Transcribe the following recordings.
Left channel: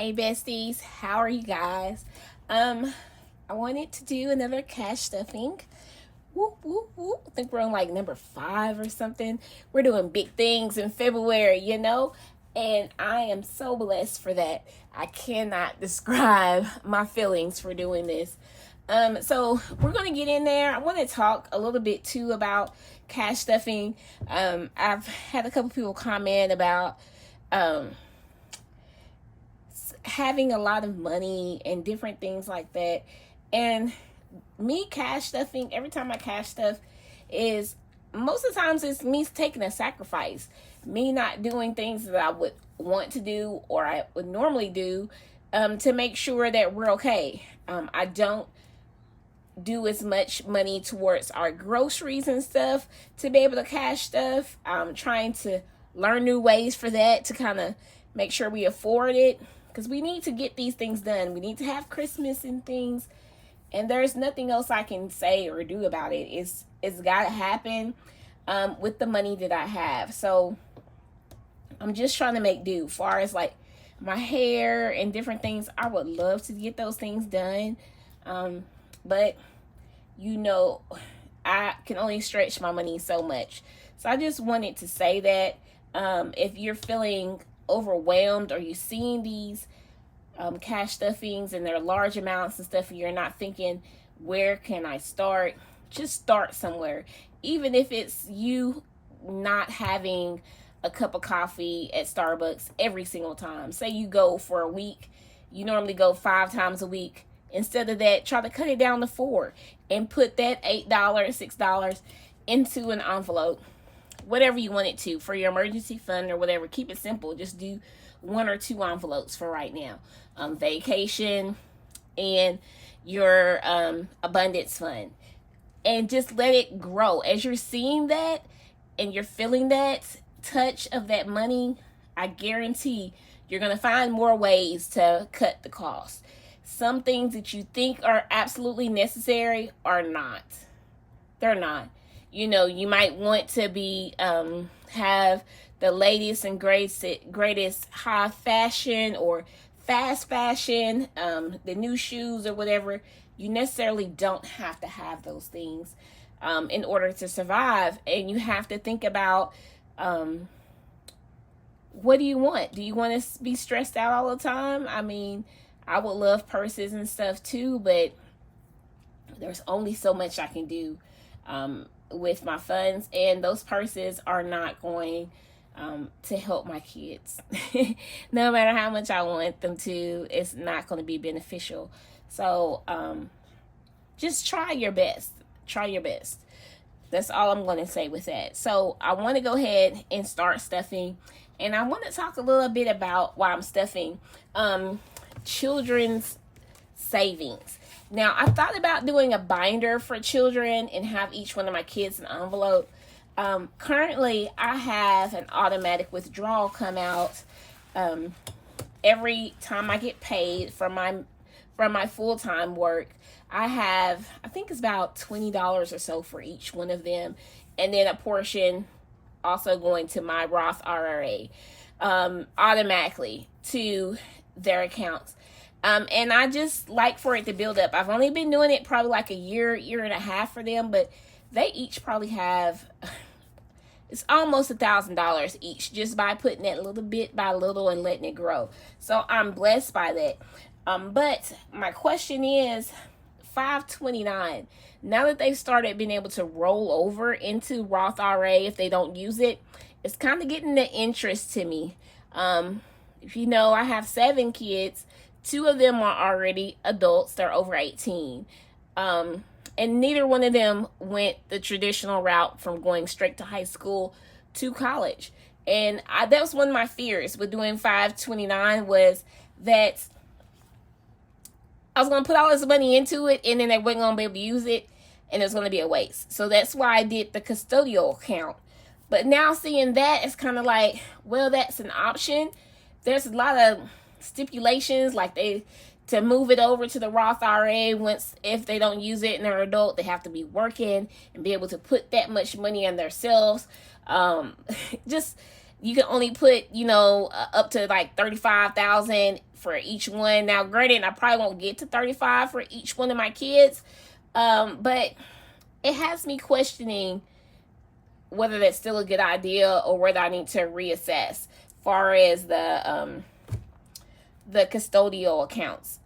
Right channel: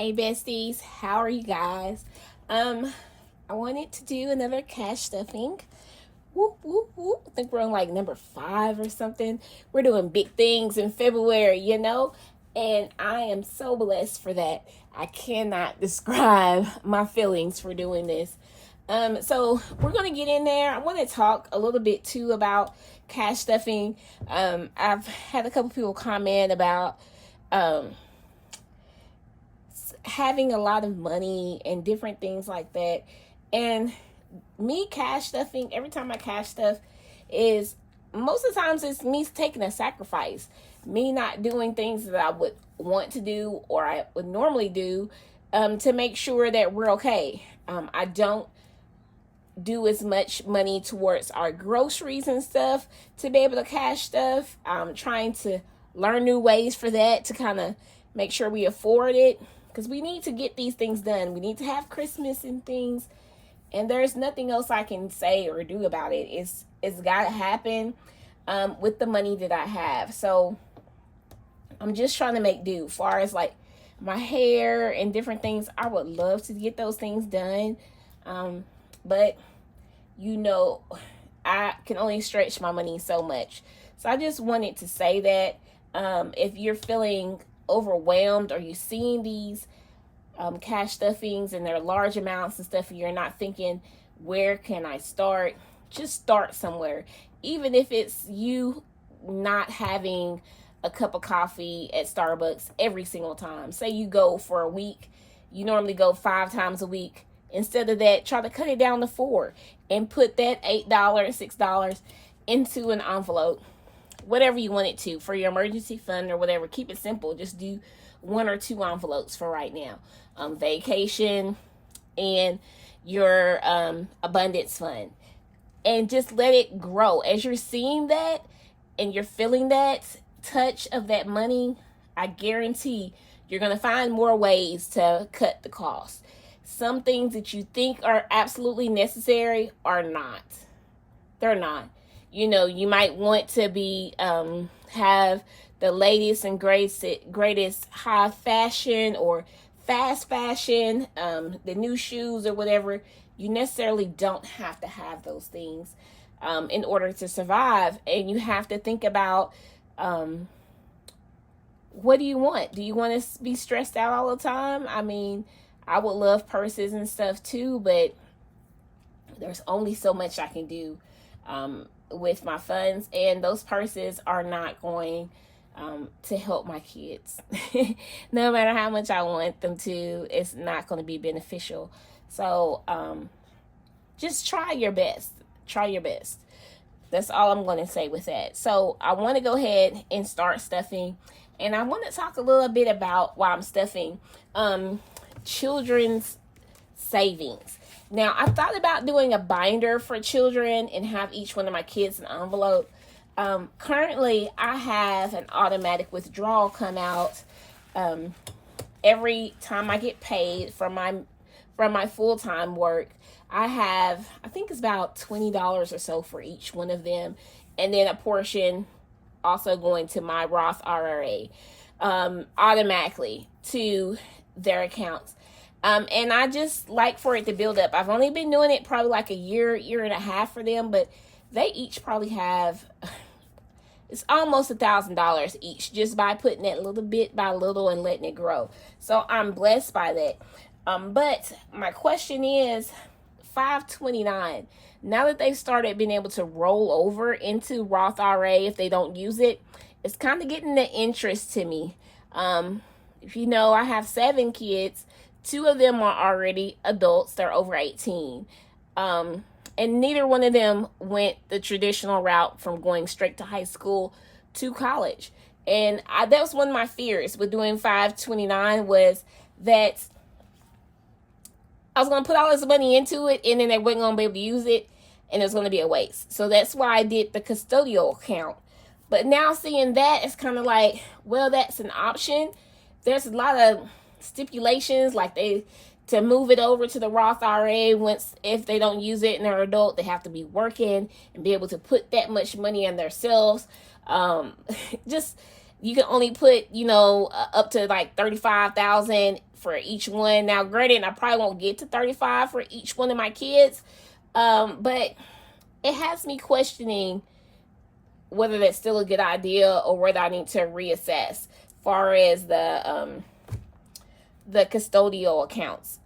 Hey besties, how are you guys? I wanted to do another cash stuffing. Whoop whoop whoop. I think we're on like number 5 or something. We're doing big things in February. And I am so blessed for that. I cannot describe my feelings for doing this. So we're gonna get in there. I want to talk a little bit too about cash stuffing. I've had a couple people comment about having a lot of money and different things like that. And me cash stuffing, every time I cash stuff, is most of the times it's me taking a sacrifice, me not doing things that I would want to do or I would normally do, to make sure that we're okay. I don't do as much money towards our groceries and stuff to be able to cash stuff. I'm trying to learn new ways for that to kind of make sure we afford it, because we need to get these things done. We need to have Christmas and things, and there's nothing else I can say or do about it. It's got to happen with the money that I have. So I'm just trying to make do. As far as like my hair and different things, I would love to get those things done, but I can only stretch my money so much. So I just wanted to say that if you're feeling overwhelmed or you're seeing these cash stuffings and they're large amounts and stuff, and you're not thinking, where can I start? Just start somewhere. Even if it's you not having a cup of coffee at Starbucks every single time. Say you go for a week, you normally go 5 times a week. Instead of that, try to cut it down to 4 and put that $8, $6 into an envelope. Whatever you want it to, for your emergency fund or whatever. Keep it simple. Just do 1 or 2 envelopes for right now. Vacation and your abundance fund. And just let it grow. As you're seeing that and you're feeling that touch of that money, I guarantee you're going to find more ways to cut the cost. Some things that you think are absolutely necessary are not. They're not. You might want to be have the latest and greatest high fashion or fast fashion, the new shoes or whatever. You necessarily don't have to have those things in order to survive. And you have to think about, what do you want? Do you want to be stressed out all the time? I mean, I would love purses and stuff too, but there's only so much I can do with my funds, and those purses are not going to help my kids. No matter how much I want them to, it's not going to be beneficial. So just try your best. Try your best. That's all I'm going to say with that. So I want to go ahead and start stuffing, and I want to talk a little bit about why I'm stuffing children's savings. Now, I thought about doing a binder for children and have each one of my kids an envelope. Currently, I have an automatic withdrawal come out every time I get paid from my full-time work. I think it's about $20 or so for each one of them, and then a portion also going to my Roth IRA automatically to their accounts. And I just like for it to build up. I've only been doing it probably like a year and a half for them, but they each probably have, it's almost $1,000 each, just by putting it little bit by little and letting it grow. So I'm blessed by that. But my question is, 529, now that they've started being able to roll over into Roth IRA if they don't use it, it's kind of getting the interest to me. If you know, I have 7 kids. 2 of them are already adults. They're over 18. And neither one of them went the traditional route from going straight to high school to college. And that was one of my fears with doing 529, was that I was going to put all this money into it and then they weren't going to be able to use it, and it was going to be a waste. So that's why I did the custodial account. But now seeing that, it's kind of like, well, that's an option. There's a lot of stipulations, like to move it over to the Roth IRA, if they don't use it and they're an adult, they have to be working and be able to put that much money on themselves. Just you can only put, you know, up to like 35,000 for each one. Now, granted, I probably won't get to 35 for each one of my kids, but it has me questioning whether that's still a good idea or whether I need to reassess as far as the custodial accounts.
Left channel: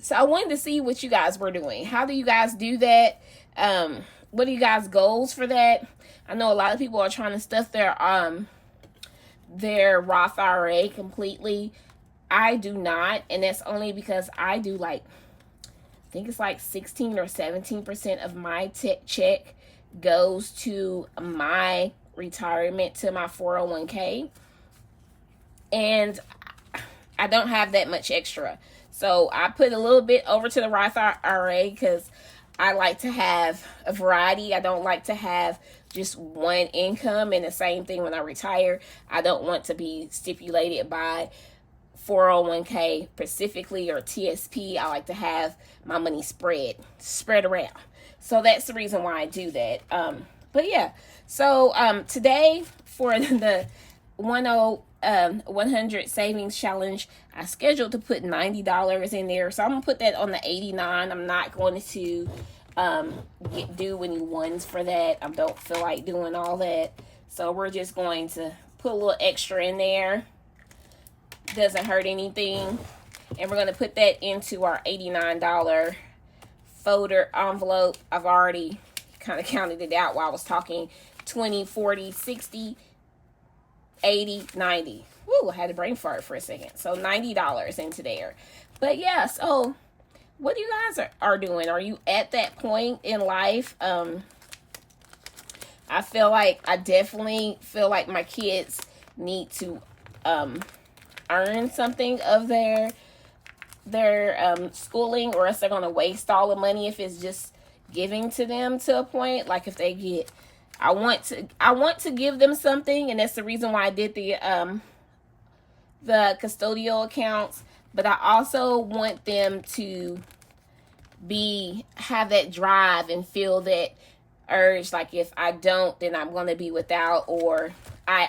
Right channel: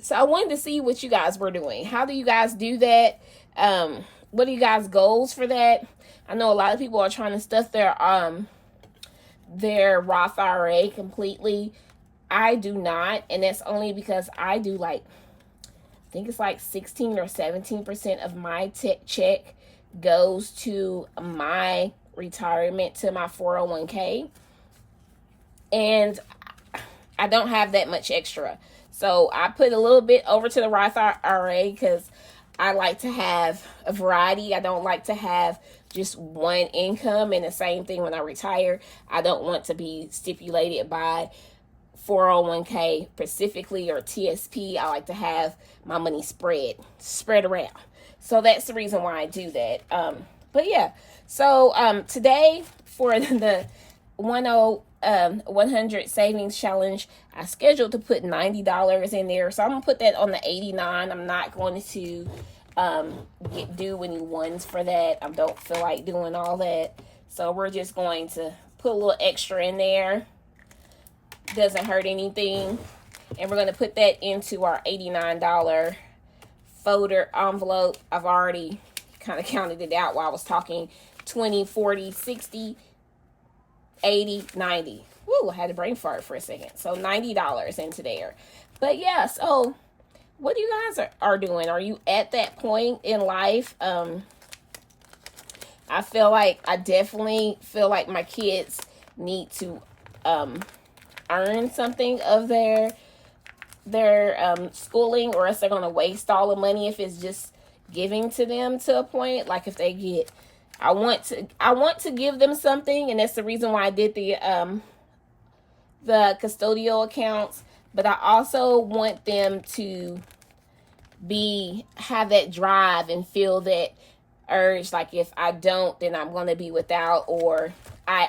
So I wanted to see what you guys were doing. How do you guys do that? What are you guys' goals for that? I know a lot of people are trying to stuff their Roth IRA completely. I do not, and that's only because I do like, I think it's like 16 or 17% of my check goes to my retirement, to my 401k, and I don't have that much extra. So I put a little bit over to the Roth IRA because I like to have a variety. I don't like to have just one income, and the same thing when I retire. I don't want to be stipulated by 401k specifically or TSP. I like to have my money spread around. So that's the reason why I do that. But yeah, so today for the 100 savings challenge, I scheduled to put $90 in there, so I'm gonna put that on the 89. I'm not going to do any ones for that. I don't feel like doing all that, so we're just going to put a little extra in there. Doesn't hurt anything, and we're going to put that into our $89 folder envelope. I've already kind of counted it out while I was talking. 20, 40, 60, 80, 90. Woo, I had a brain fart for a second. So $90 into there. But yeah, so what you guys are doing? Are you at that point in life? I definitely feel like my kids need to earn something of their schooling, or else they're going to waste all the money if it's just giving to them to a point. Like if they get, I want to give them something, and that's the reason why I did the custodial accounts, but I also want them to have that drive and feel that urge, like if I don't, then I'm going to be without, or I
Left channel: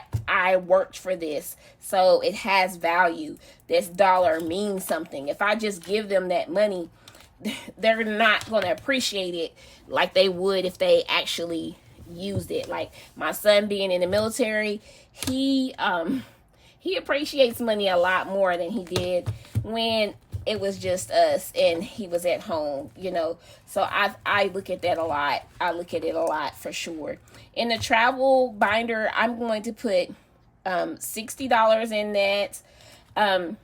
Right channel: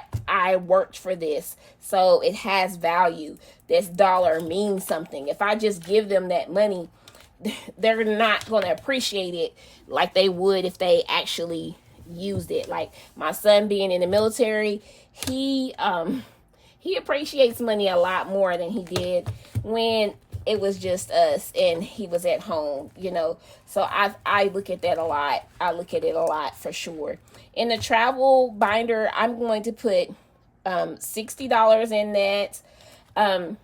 worked for this, so it has value. This dollar means something. If I just give them that money, they're not going to appreciate it like they would if they actually used it. Like my son being in the military, he appreciates money a lot more than he did when it was just us and he was at home, you know. So I look at that a lot. I look at it a lot for sure. In the travel binder, I'm going to put $60 in that. I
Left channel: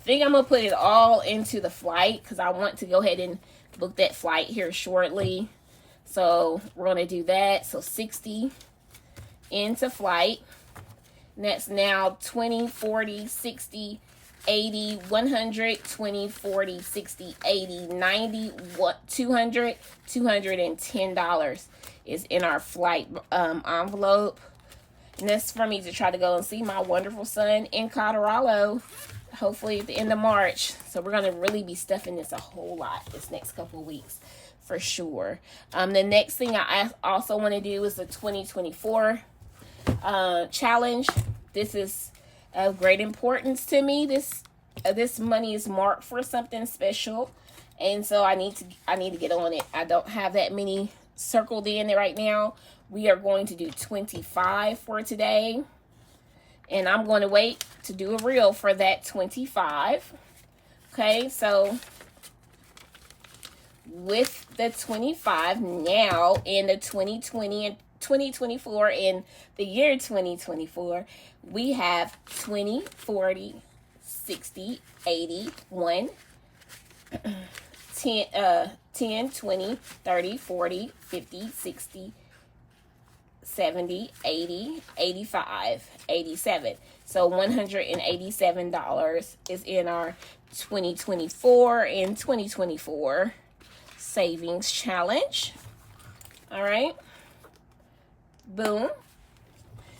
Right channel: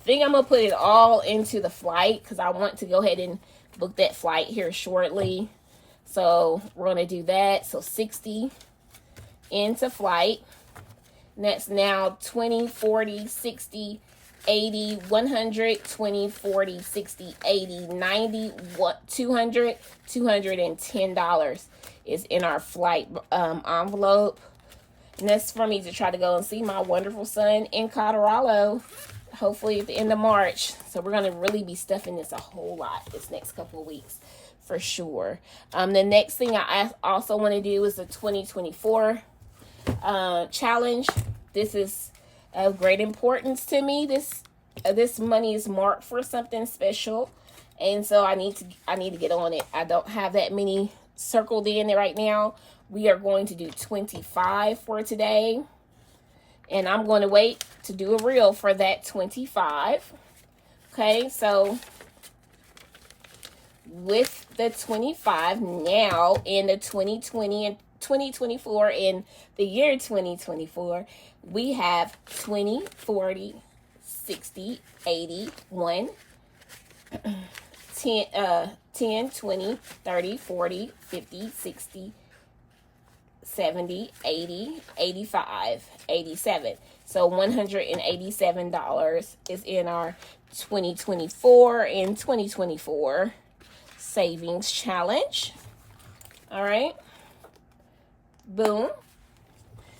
think I'm going to put it all into the flight because I want to go ahead and book that flight here shortly. So we're going to do that. So 60 into flight. And that's now 20, 40, 60, 80, 100, 20, 40, 60, 80, 90, $200, $210 is in our flight envelope. And that's for me to try to go and see my wonderful son in Colorado, hopefully at the end of March. So we're going to really be stuffing this a whole lot this next couple of weeks for sure. The next thing I also want to do is the 2024 challenge. This is of great importance to me. This money is marked for something special, and so I need to get on it. I don't have that many circled in right now. We are going to do 25 for today, and I'm going to wait to do a reel for that 25. Okay, so with the 25 now in the 2020 and 2024, in the year 2024, we have 20, 40, 60, 80, 1, 10, 20, 30, 40, 50, 60, 70, 80, 85, 87. So $187 is in our 2024 and 2024 savings challenge. All right. Boom.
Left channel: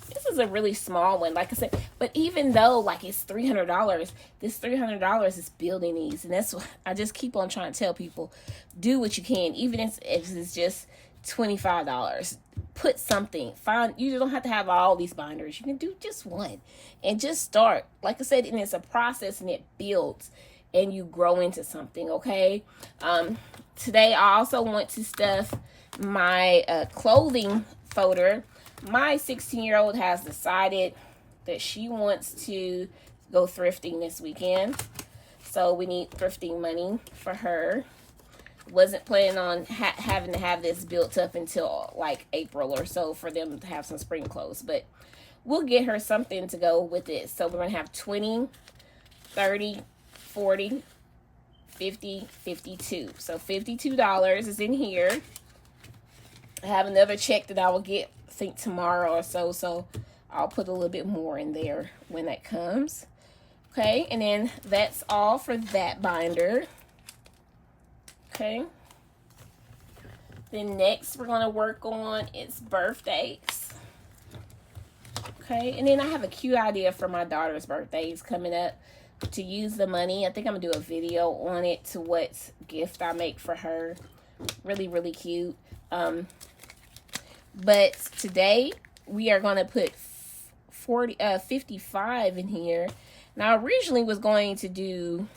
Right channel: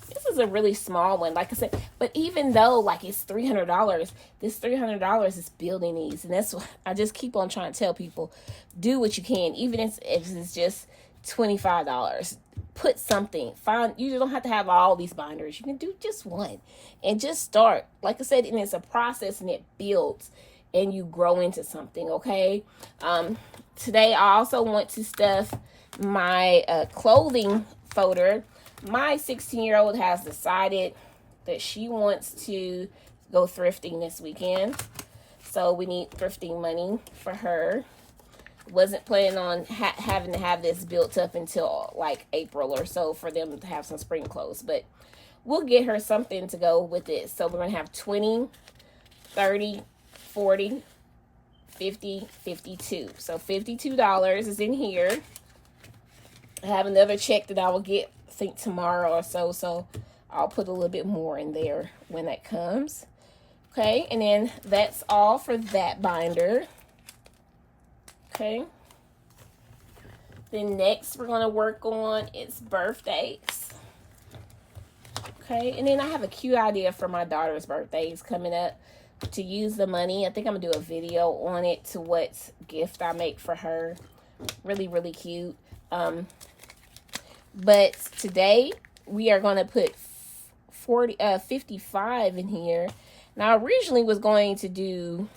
This is a really small one, like I said, but even though like it's $300, this $300 is building these, and that's what I just keep on trying to tell people: do what you can, even if it's just $25. put something. You don't have to have all these binders. You can do just one and just start. Like I said, and it's a process and it builds and you grow into something, okay? Today I also want to stuff my clothing folder. My 16-year-old has decided that she wants to go thrifting this weekend. So we need thrifting money for her. Wasn't planning on having to have this built up until like April or so for them to have some spring clothes. But we'll get her something to go with it. So we're going to have 20, 30, 40, 50, 52. So $52 is in here. I have another check that I will get, I think, tomorrow or so. So I'll put a little bit more in there when that comes. Okay, and then that's all for that binder. Okay. Then next we're going to work on is birthdays. Okay, and then I have a cute idea for my daughter's birthdays coming up to use the money. I think I'm going to do a video on it to what gift I make for her. Really, really cute. But today we are going to put 55 in here. Now, I originally was going to do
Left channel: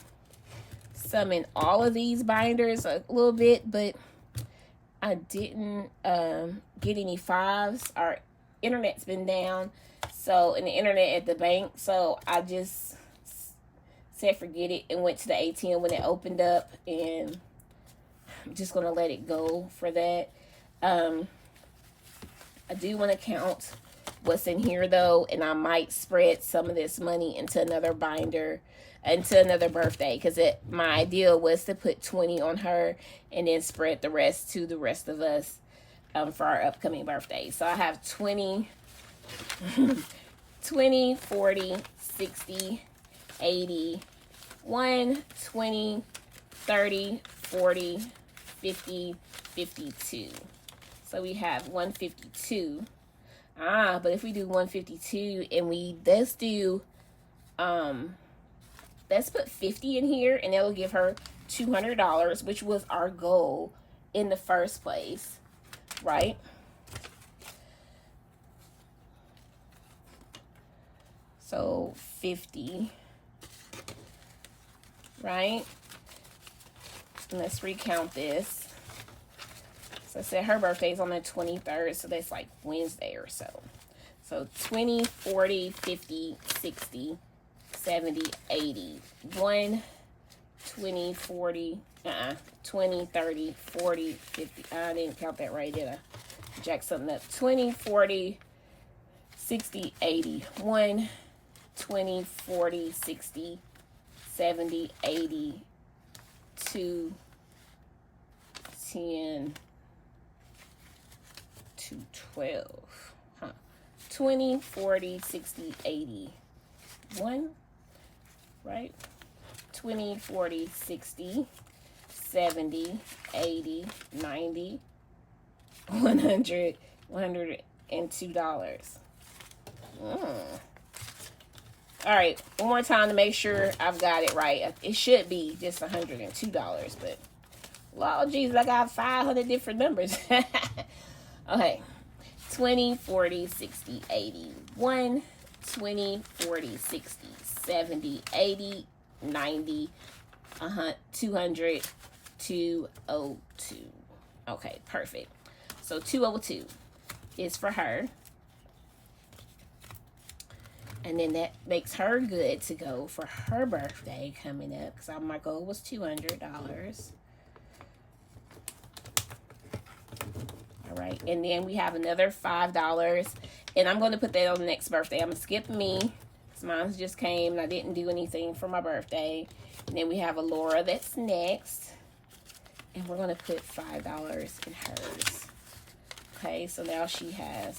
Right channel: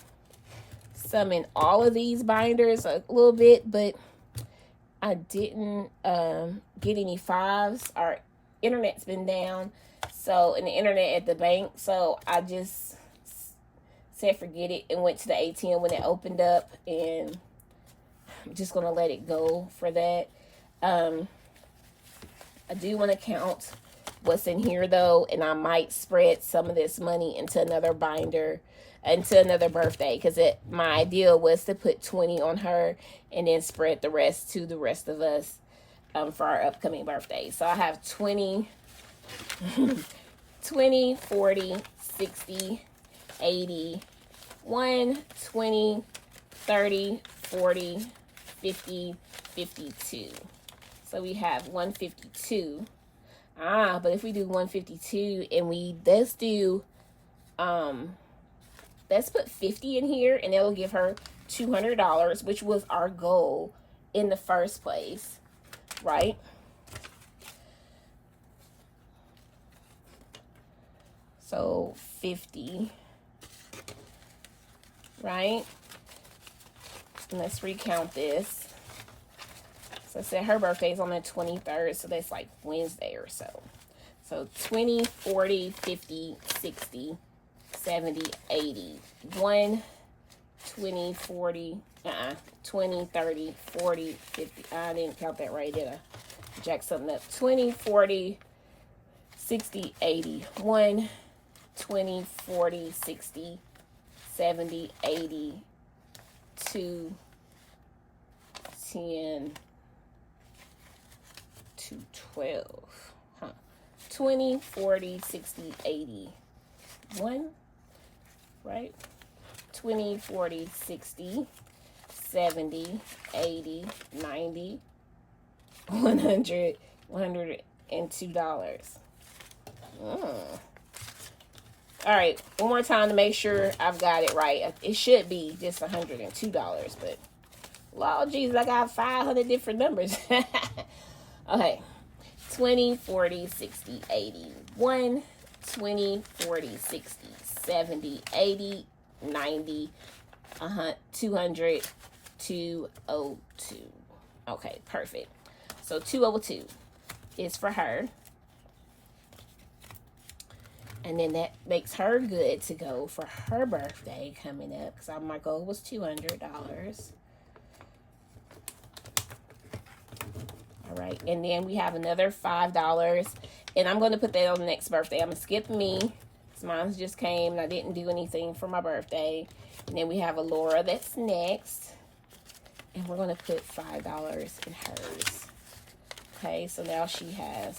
some in all of these binders a little bit, but I didn't get any 5s. Our internet's been down, so, and the internet at the bank, so I just said forget it and went to the ATM when it opened up, and I'm just going to let it go for that. I do want to count what's in here though, and I might spread some of this money into another binder, into another birthday, because my idea was to put 20 on her and then spread the rest to the rest of us for our upcoming birthday. So I have 20, 20, 40, 60, 80, 1, 20, 30, 40, 50, 52. So we have 152. But if we do 152 and let's put 50 in here, and it'll give her $200, which was our goal in the first place, right? So 50, right? And let's recount this. So I said her birthday is on the 23rd, so that's like Wednesday or so. So 20, 40, 50, 60, 70, 80. 1, 20, 40, 20, 30, 40, 50. I didn't count that right, did I? Jack something up. 20, 40, 60, 80. 1, 20, 40, 60, 70, 80, 2, 10, 12, 20, 40, 60, 80, 1, right? 20, 40, 60, 70, 80, 90, 100, $102. All right, one more time to make sure I've got it right. It should be just $102, but Lord Jesus, I got 500 different numbers. Okay, 20, 40, 60, 80, 1, 20, 40, 60, 70, 80, 90, 200, 202. Okay, perfect. So 202 is for her. And then that makes her good to go for her birthday coming up, because my goal was $200. All right, and then we have another $5, and I'm going to put that on the next birthday. I'm going to skip me, because mine just came, and I didn't do anything for my birthday. And then we have a Laura that's next, and we're going to put $5 in hers. Okay, so now she has,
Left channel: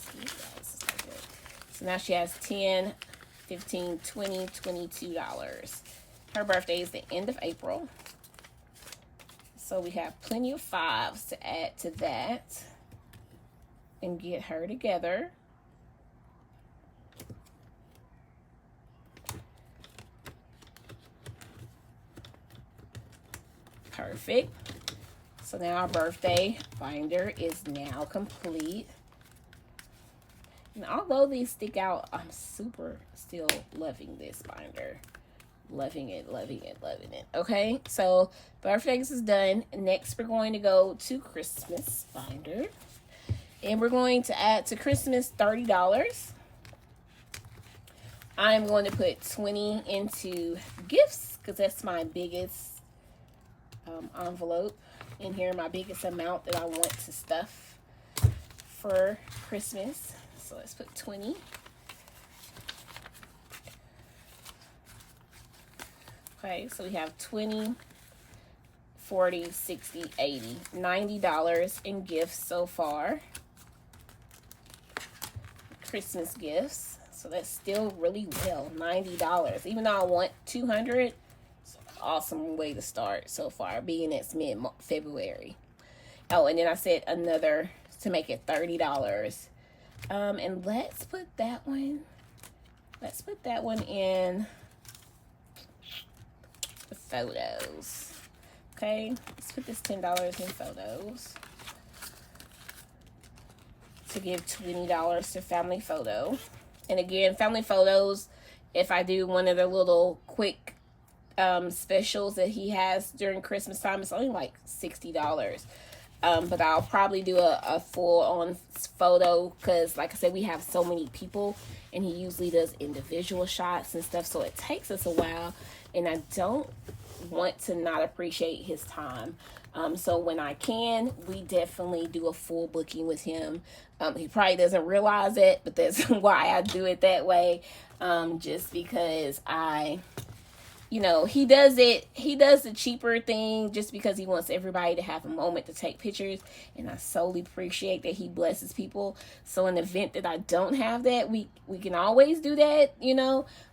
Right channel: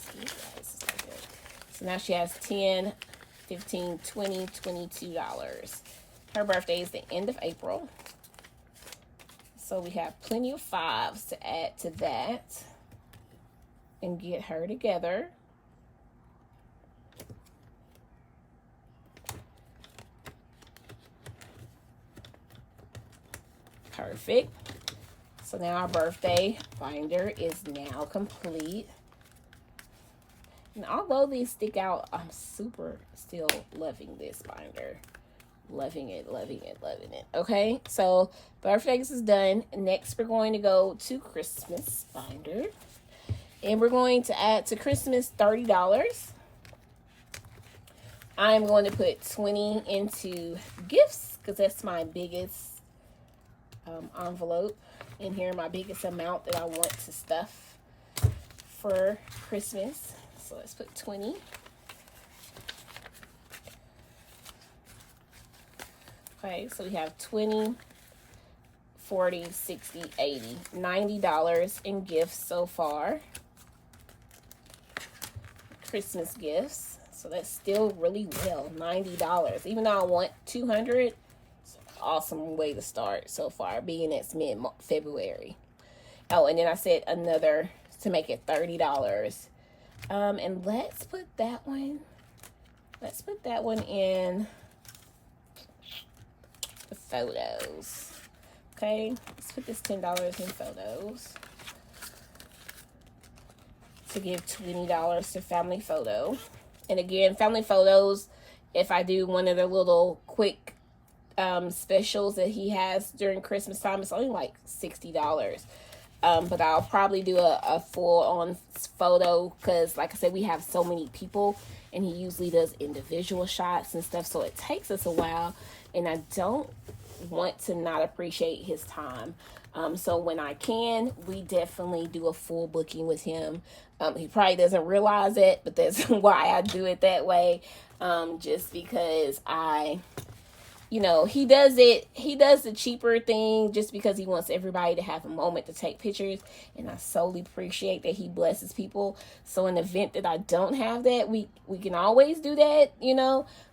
so now she has 10, 15, 20, $22. Her birthday is the end of April. So we have plenty of 5s to add to that and get her together. Perfect. So now our birthday binder is now complete. And although these stick out, I'm super still loving this binder. Loving it, loving it, loving it. Okay, so birthdays is done. Next, we're going to go to Christmas binder. And we're going to add to Christmas $30. I'm going to put 20 into gifts because that's my biggest envelope in here, my biggest amount that I want to stuff for Christmas. So let's put 20. Okay, so we have 20, 40, 60, 80, $90 in gifts so far. Christmas gifts. So that's still really well, $90. Even though I want 200, it's an awesome way to start so far, being it's mid-February. Oh, and then I said another to make it $30. And let's put that one in the photos. Okay, let's put this $10 in photos to give $20 to family photo. And again, family photos, if I do one of the little quick specials that he has during Christmas time, it's only like $60. But I'll probably do a full-on photo because, like I said, we have so many people, and he usually does individual shots and stuff, so it takes us a while, and I don't want to not appreciate his time. So when I can, we definitely do a full booking with him. He probably doesn't realize it, but that's why I do it that way. Just because he does the cheaper thing just because he wants everybody to have a moment to take pictures. And I solely appreciate that he blesses people. So in the event that I don't have that, we can always do that,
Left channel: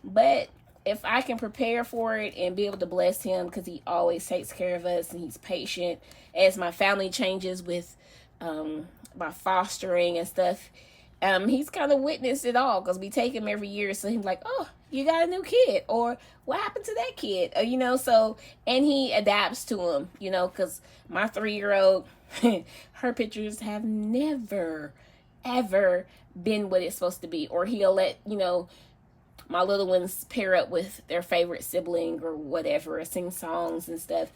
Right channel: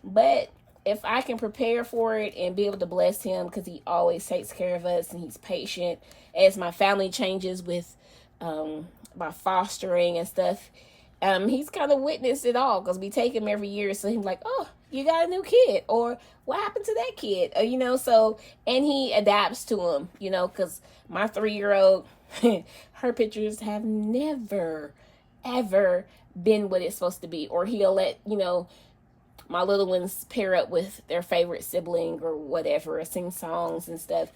but if I can prepare for it and be able to bless him, because he always takes care of us and he's patient as my family changes with my fostering and stuff. He's kind of witnessed it all because we take him every year. So he's like, oh, you got a new kid, or what happened to that kid? So, and he adapts to him, because my 3-year-old, her pictures have never, ever been what it's supposed to be. Or he'll let, my little ones pair up with their favorite sibling or whatever, sing songs and stuff.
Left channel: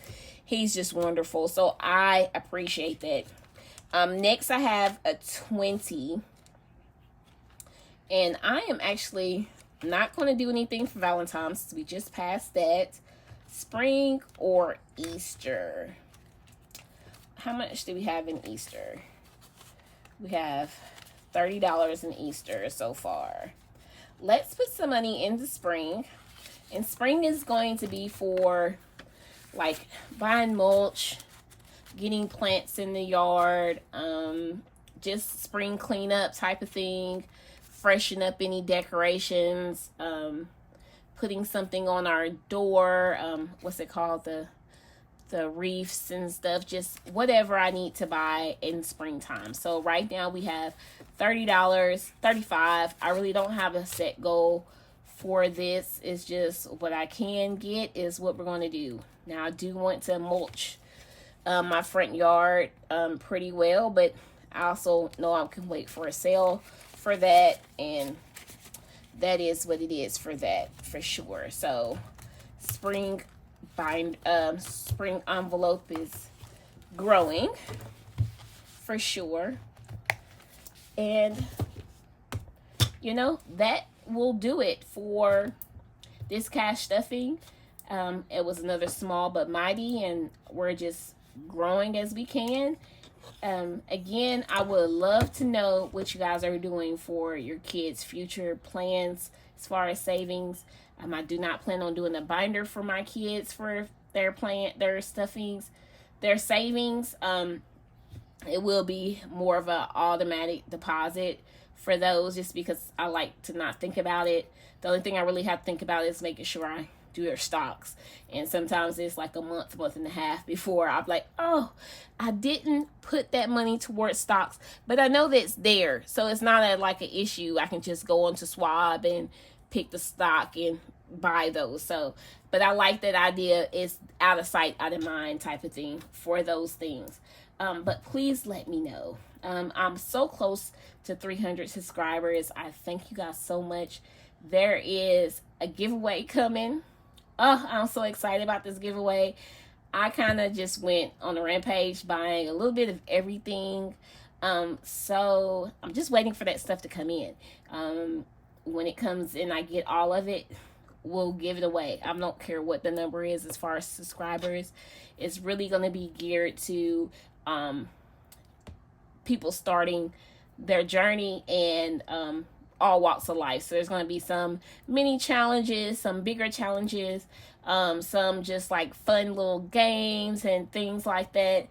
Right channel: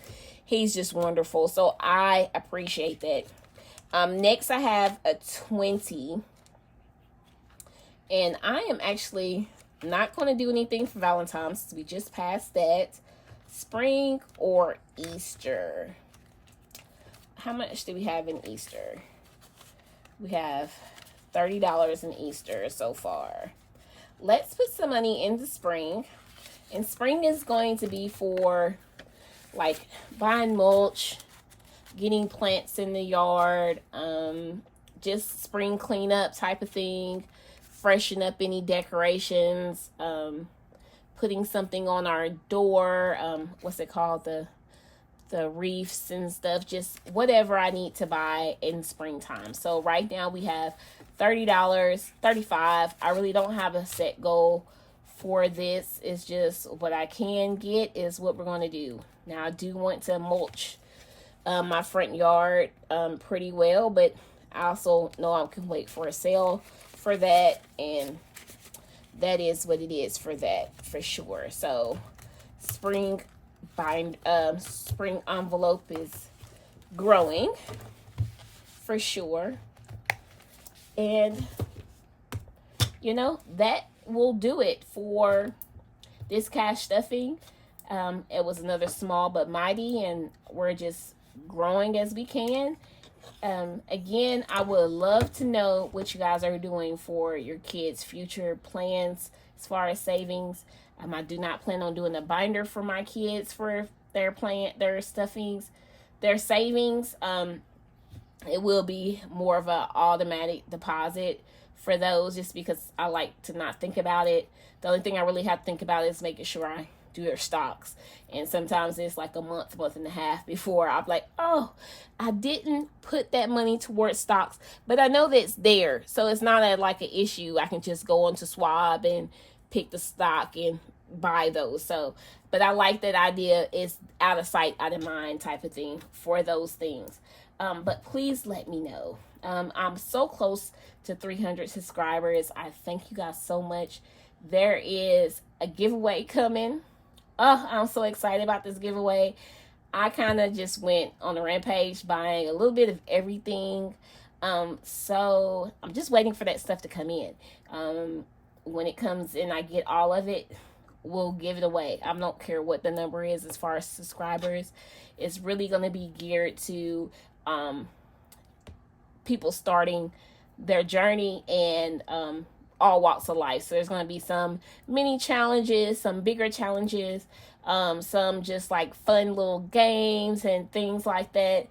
He's just wonderful. So I appreciate that. Next I have a 20. And I am actually not going to do anything for Valentine's. We just passed that. Spring or Easter. How much do we have in Easter? We have $30 in Easter so far. Let's put some money into spring. And spring is going to be for like buying mulch, getting plants in the yard, just spring cleanup type of thing, freshen up any decorations, putting something on our door, what's it called, the reefs and stuff, just whatever I need to buy in springtime. So right now we have $30, $35. I really don't have a set goal for this. It's just what I can get is what we're going to do. Now I do want to mulch my front yard pretty well, but I also know I can wait for a sale for that, and that is what it is for that for sure. So spring envelope is growing for sure, and that will do it for this cash stuffing. It was another small but mighty, and we're just growing as we can. Again, I would love to know what you guys are doing for your kids' future plans as far as savings. I do not plan on doing a binder for my kids for their stuffings, their savings. It will be more of an automatic deposit for those, just because I like to not think about it. The only thing I really have to think about is making sure I do their stocks. And sometimes it's like a month and a half before I'm like, oh, I didn't put that money towards stocks, but I know that it's there. So it's not like an issue. I can just go onto Schwab and pick the stock and buy those. So, but I like that idea. Is out of sight, out of mind type of thing for those things. But please let me know. I'm so close to 300 subscribers. I thank you guys so much. There is a giveaway coming. Oh, I'm so excited about this giveaway. I kind of just went on a rampage buying a little bit of everything. So I'm just waiting for that stuff to come in. When it comes in, I get all of it, we'll give it away. I don't care what the number is as far as subscribers. It's really going to be geared to people starting their journey and all walks of life. So there's going to be some mini challenges, some bigger challenges, some just like fun little games and things like that,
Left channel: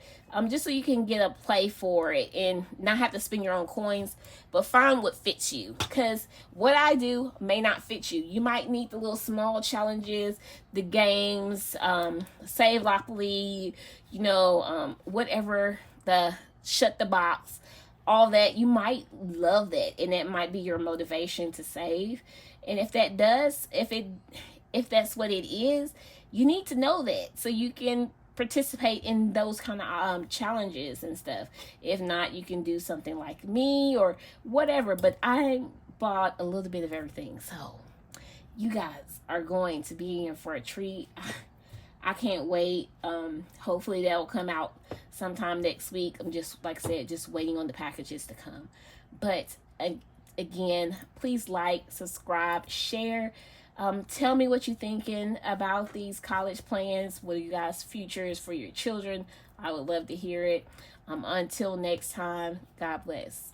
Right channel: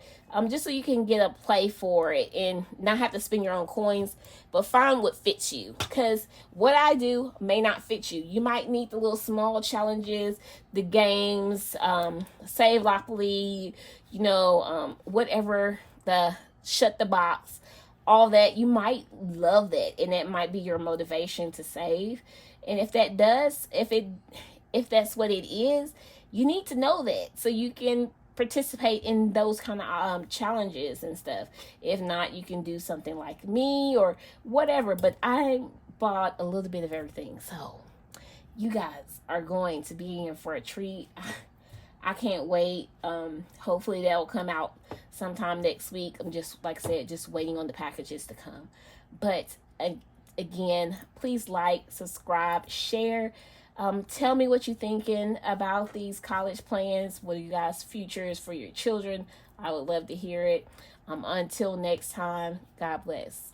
just so you can get a play for it and not have to spend your own coins, but find what fits you, because what I do may not fit you. You might need the little small challenges, the games, save locally, whatever, the shut the box, all that. You might love that, and that might be your motivation to save. And if that does, if that's what it is, you need to know that so you can participate in those kind of challenges and stuff. If not, you can do something like me or whatever. But I bought a little bit of everything, so you guys are going to be in for a treat. I can't wait. Hopefully that will come out sometime next week. I'm just, like I said, just waiting on the packages to come. But again, please like, subscribe, share. Tell me what you're thinking about these college plans. What are you guys' futures for your children? I would love to hear it. Until next time, God bless.